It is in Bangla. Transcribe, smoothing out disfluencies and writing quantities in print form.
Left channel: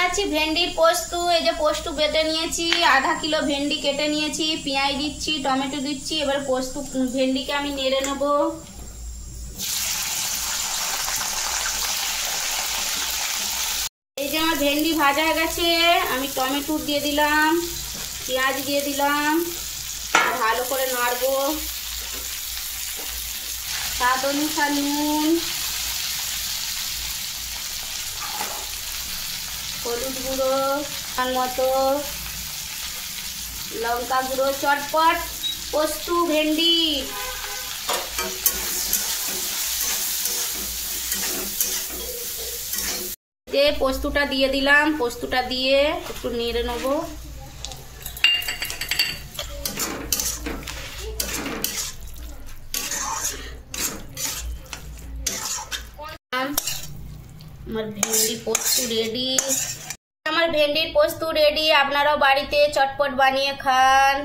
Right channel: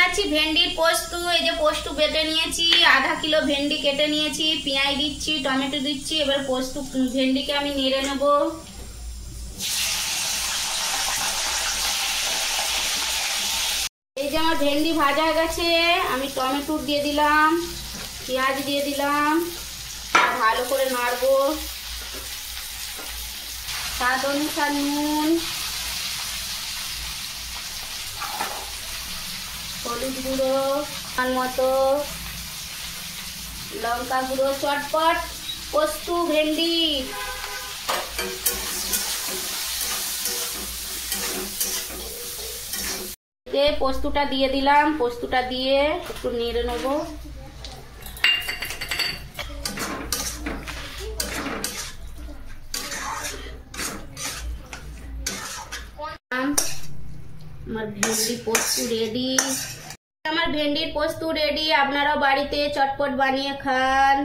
বানাচ্ছি ভেন্ডির পোস্ত। এই যে পোস্ত বেটে নিয়েছি, আধা কিলো ভেন্ডি কেটে নিয়েছি, পেঁয়াজ দিচ্ছি, টমেটো দিচ্ছি। এবার পোস্ত ভেন্ডিকে আমি নেড়ে নেব। এই যে আমার ভেন্ডি ভাজা হয়ে গেছে, আমি টমেটো দিয়ে দিলাম, পেঁয়াজ দিয়ে দিলাম, ভালো করে নাড়বো। স্বাদ অনুসারে নুন, হলুদ গুঁড়ো মতো, লঙ্কা গুঁড়ো, চটপট পোস্ত ভেন্ডি। যে পোস্তটা দিয়ে দিলাম, পোস্তটা দিয়ে একটু নেড়ে নেব। আমার ভেন্ডি পোস্ত রেডি। আমার ভেন্ডির পোস্ত রেডি। আপনারাও বাড়িতে চটপট বানিয়ে খান।